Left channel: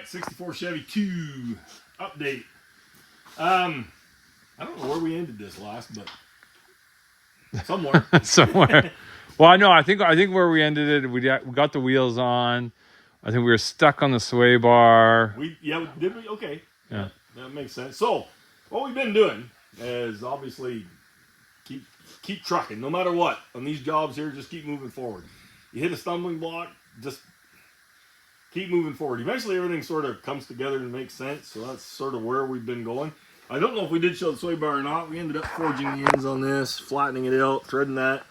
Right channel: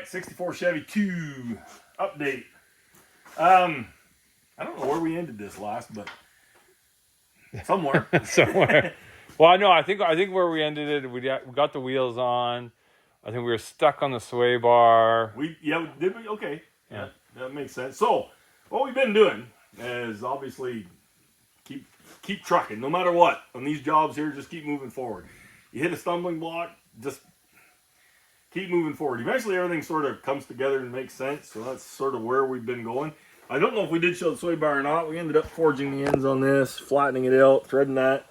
right, 64 Chevy 2 update. I don't know where we ended this last, but somewhere. Somewhere. Well, I know. I think where we ended it, we got the wheels on. I think we were stuck on the sway bar. Did we? Okay. Yeah, that makes sense. So, what we've been doing is obviously keep trucking, no matter what. On these jobs here, just keep moving forward. You hit a stumbling block, just keep moving forward. Eventually, everything sort of comes together and makes sense. So that's sort of where we've been going. I don't know if we did show the sway bar or not. We ended up forging the ends on this, flattening it out, threading that.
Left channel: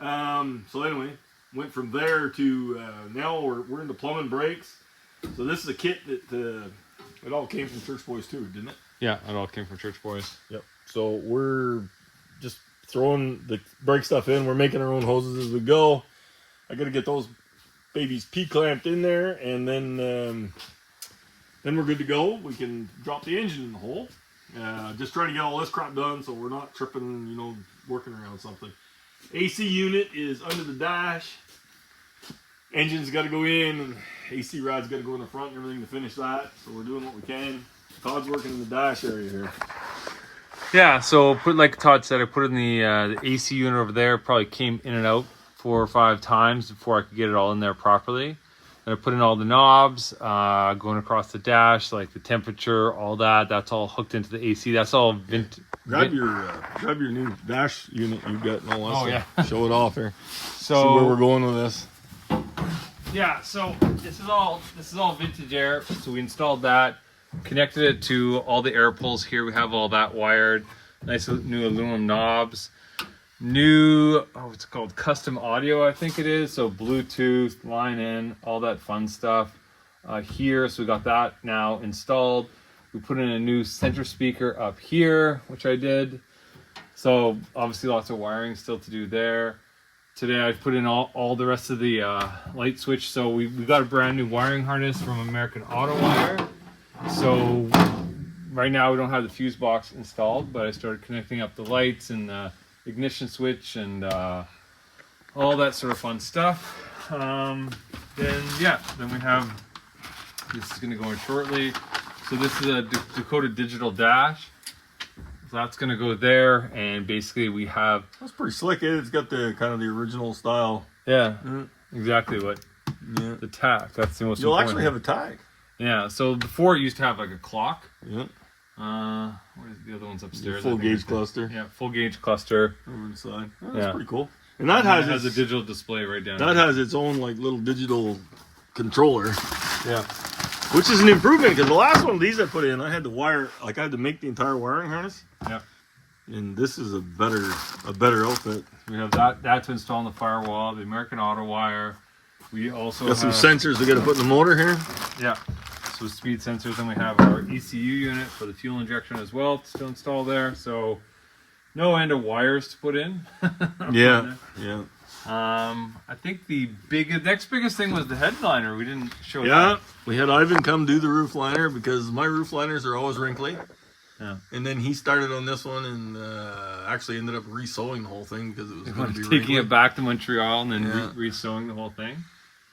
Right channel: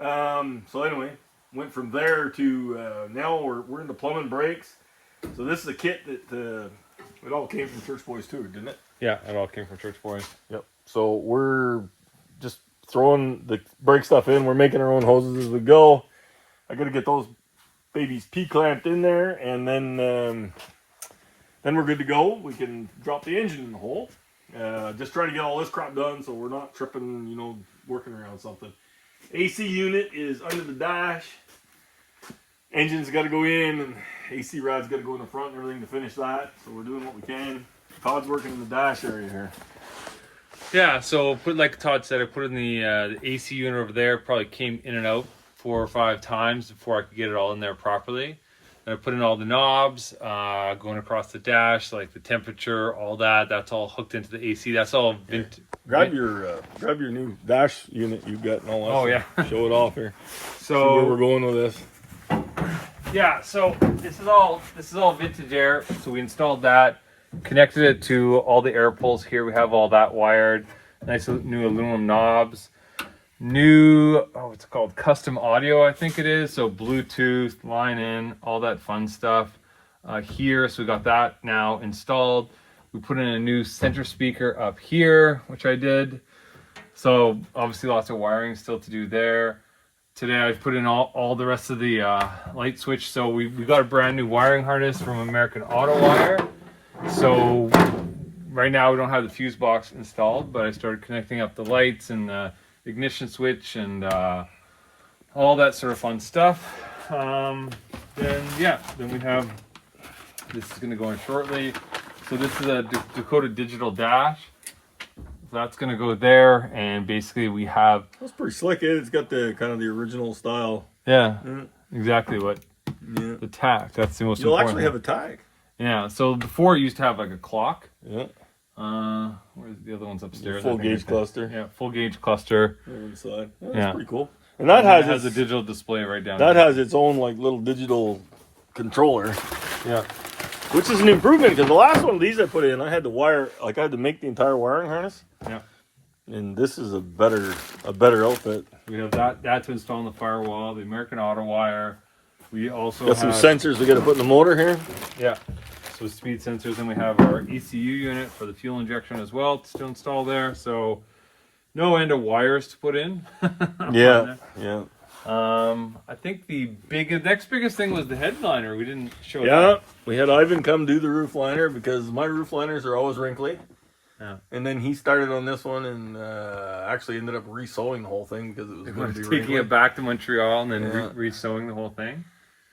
So anyway, went from there to now we're into plumbing brakes. So this is a kit that it all came from Church Boys too, didn't it? Yeah, it all came from Church Boys. Yep. So we're just throwing the brake stuff in. We're making our own hoses as we go. I got to get those babies P-clamped in there, and then we're good to go. We can drop the engine in the hole. Just trying to get all this crap done so we're not tripping, working around something. AC unit is under the dash. Engine's got to go in, and AC rod's got to go in the front and everything to finish that. So we're doing what we can. Todd's working in the dash area here. Yeah, so like Todd said, I put in the AC unit over there. Probably came in and out 4 or 5 times before I could get it all in there properly. And I put in all the knobs, going across the dash, like the temperature, all that. That's all hooked into the AC. That's all Grab your new dash unit you've got and all that. Oh stuff. yeah, show it off here. So see where we're going with this. Yeah, so this is all vintage air. So we installed that, connected it to all the air pulls here. We have all that wired. Nice new aluminum knobs. New, it's called custom audio, I think it is. So Bluetooth, line in, all that fun stuff here. So we got that now installed. We put in a new center speaker up here, which I did. So obviously lots of wiring still to do there. Today I put in all the rest of the light switch. So we got a brand new wiring harness from American Auto Wire. So right now we don't have the fuse box installed, but I started connecting up the lights and the ignition switch and all that sort of fun stuff. Then we have, this is going to go in shortly. So this is a Dakota digital dash. So that's going to go there, and basically we have... That's pretty slick. It's got the kind of the original style. Yeah, exactly what... Yeah. The tack, that's the most You'll important. actually have a tag. Yeah, so before it used to have like a clock. Yeah. Where's the other ones upstairs? Full gauge cluster. Yeah, full gauge cluster. Over the side. That's pretty cool. And that has a digital display right down that there. has its own like little digital controller. Yeah. Which is an improvement, because the last one of these I put in, I had to make the entire wiring harness. Yeah. And this is a better outfit. We have that to install on the firewall, the American Auto Wire. We also got some sensors we got to put in the motor here. Yeah. So speed sensors, and we have our ECU unit for the fuel injection as well to install there. So no end of wires to put in. Yeah. I think the next biggest thing was the headliner. We didn't show. Yeah, we had Ivan come do the roof liner because my roof liners are always wrinkly. Yeah. And then he started on this one and actually ended up re-sewing the whole thing because it was going to be taking wrinkly. it back to Montreal and then re-sewing the whole thing.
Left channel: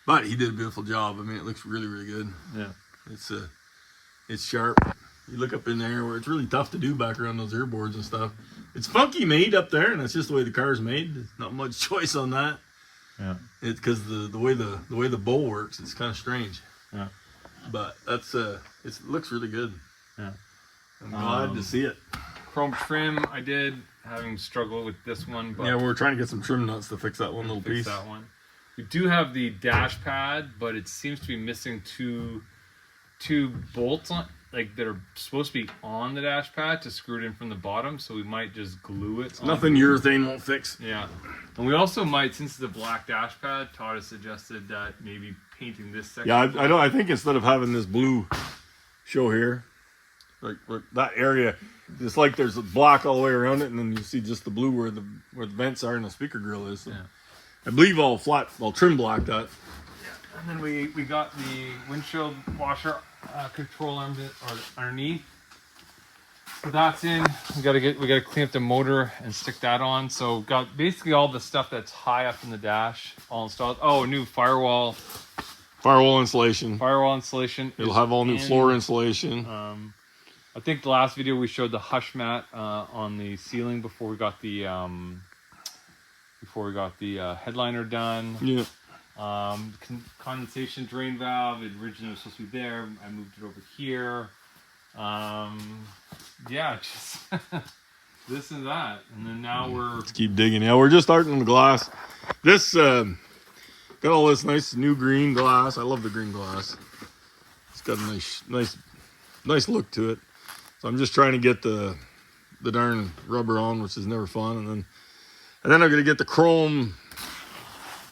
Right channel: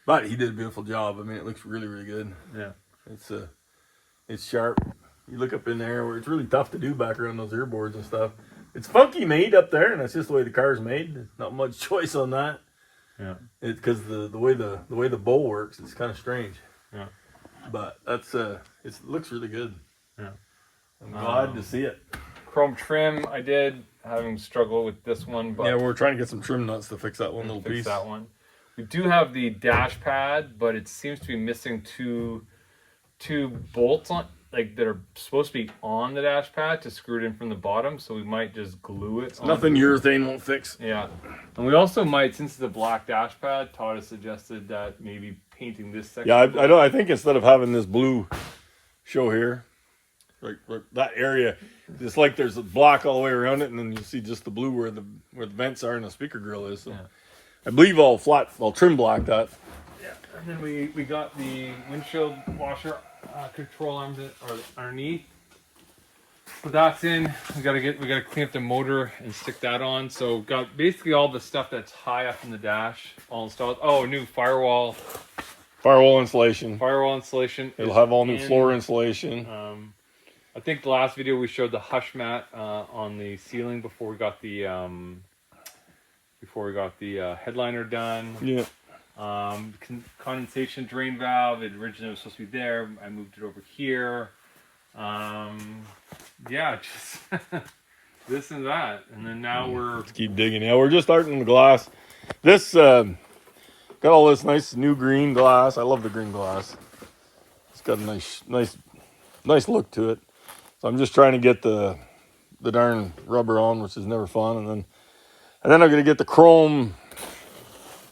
But he did a beautiful job. I mean, it looks really, really good. Yeah. It's sharp. You look up in there where it's really tough to do back around those earboards and stuff. It's funky made up there, and that's just the way the car's made. There's not much choice on that. Yeah. It's because the way the bowl works, it's kind of strange. Yeah. But that's it looks really good. Yeah. I'm glad to see it. Chrome trim, I did, having struggled with this one. But yeah, we're trying to get some trim nuts to fix that one little piece. That one. We do have the dash pad, but it seems to be missing two bolts on, like that are supposed to be on the dash pad to screw it in from the bottom. So we might just glue it. Nothing urethane won't fix. Yeah, and we also might, since it's a black dash pad, Todd has suggested that maybe painting this section. Yeah, I know. I think instead of having this blue show here, like that area, it's like there's a block all the way around it, and then you see just the blue where the vents are and the speaker grill is. So. Yeah. I believe all trim black that. Yeah, and then we got the windshield washer control arm underneath. So that's in. We gotta clean up the motor and stick that on. So got basically all the stuff that's high up in the dash all installed. Oh, new firewall Firewall insulation. Firewall insulation. It'll have all new floor insulation. I think the last video we showed the hush mat on the ceiling before we got the headliner done. Yeah. Condensation drain valve. It originally was supposed to be there. I moved it over here. Yeah, just this and that, and then now Let's keep digging. Yeah, we're just starting the glass. This got all this nice new green glass. I love the green glass. It's got a nice look to it. So I'm just trying to get the darn rubber on, which is never fun, and then I'm gonna get the chrome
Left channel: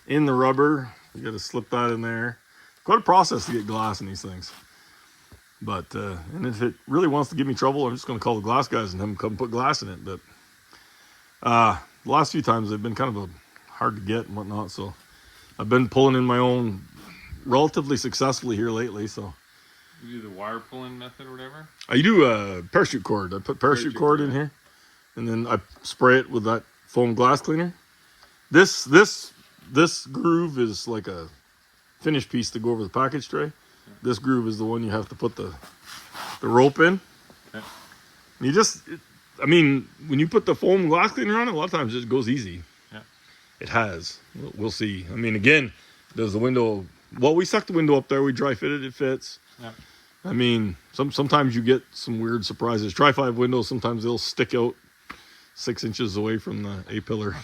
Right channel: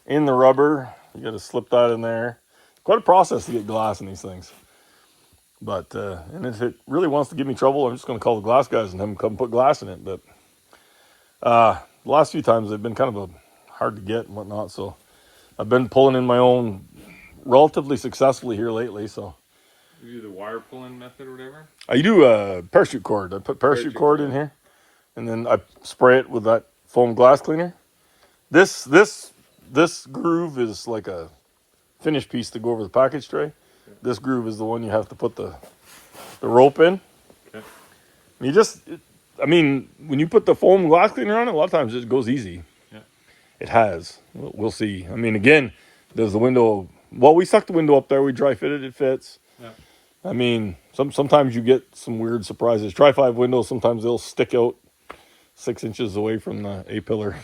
in the rubber. You got to slip that in there. Quite a process to get glass in these things. But and if it really wants to give me trouble, I'm just going to call the glass guys and have them come put glass in it. But the last few times they've been kind of hard to get and whatnot. So I've been pulling in my own relatively successfully here lately. So you do the wire pulling method or whatever. I do a parachute cord. I put parachute cord in here, and then I spray it with that foam glass cleaner. This groove is like a finish piece to go over the package tray. This groove is the one you have to put the rope in. Okay. When you put the foam glass cleaner on it, a lot of times it goes easy. Yeah. It has. We'll see. Again, does the window... Well, we stuck the window up there. We dry fitted. It fits. Yeah. Sometimes you get some weird surprises. Tri-5 windows, sometimes they'll stick out 6 inches away from the A-pillar.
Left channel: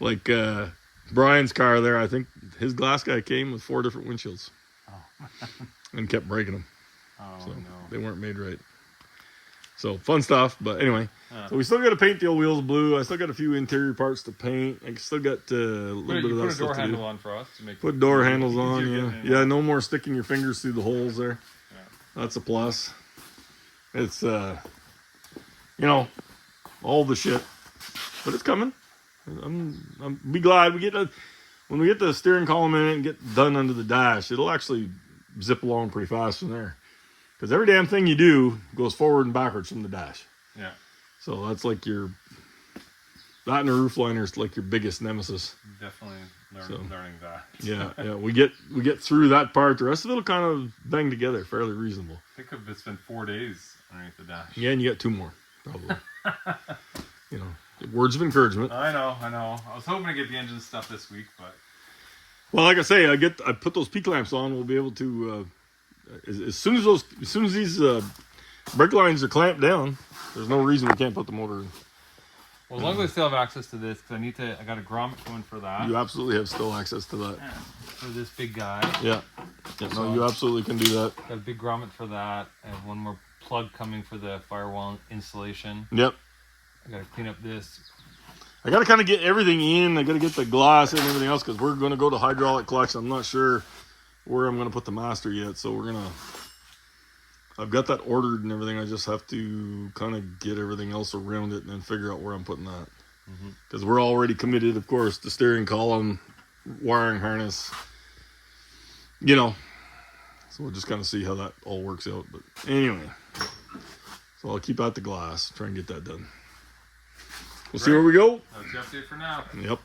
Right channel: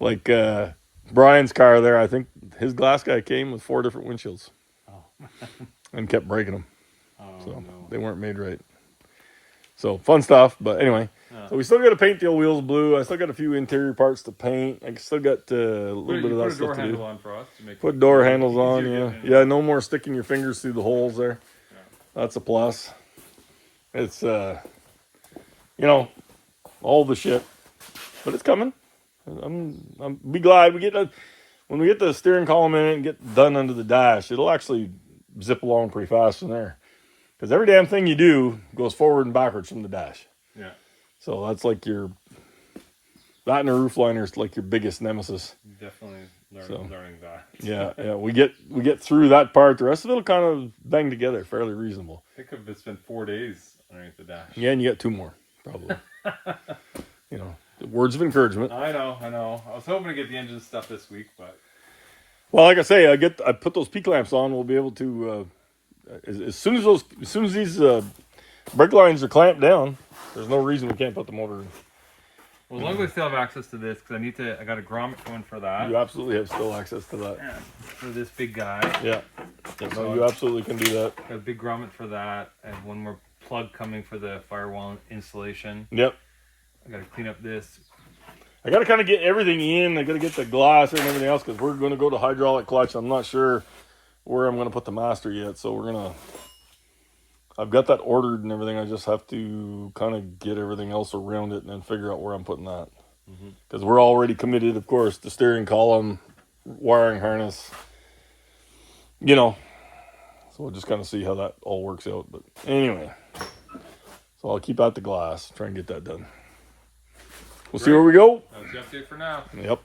Like Brian's car there, I think his glass guy came with 4 different windshields. Oh. And kept breaking them. Oh, so no. They weren't made right. So fun stuff, but anyway. Yeah. So we still got to paint the old wheels blue. I still got a few interior parts to paint. I still got a little bit of that stuff to do. Put door handles on, yeah. Yeah, no more sticking your fingers through the holes there. Yeah. That's a plus. It's, all the shit. But it's coming. I'm be glad when we get the steering column in it and get done under the dash, it'll actually zip along pretty fast from there. Because every damn thing you do goes forward and backwards from the dash. Yeah. So that's like that and a roof liner is like your biggest nemesis. Definitely learning that. Yeah. We get through that part. The rest of it'll kind of bang together fairly reasonable. I think it's been 4 days underneath the dash. Yeah, and you got 2 more, probably. Words of encouragement. I know. I was hoping to get the engine stuff this week, but... Well, like I say, I put those P clamps on. We'll be able to, as soon as these brake lines are clamped down, there's no reason we can't put the motor in. Well, as long as I still have access to this, because I got a grommet going for that. You absolutely have still access to that. Yeah, for this big guy. Yeah. No, you absolutely can do that. Got a big grommet for that. I have one more plug coming for the firewall installation. Yep. I got to clean up this. I got to kind of get everything in. I got to get the glass and everything else because we're going to go to hydraulic clutch. I'm not sure where I'm going to put the master yet. So I've got that ordered and everything. I just have to kind of get everything else around it and then figure out where I'm putting that. Because we're already committed, of course, to steering column, wiring harness, So we'll just kind of see how that all works out. But anyway, so I'll keep out the glass, try and get that done. We'll see where we go. That's the update for now. Yep.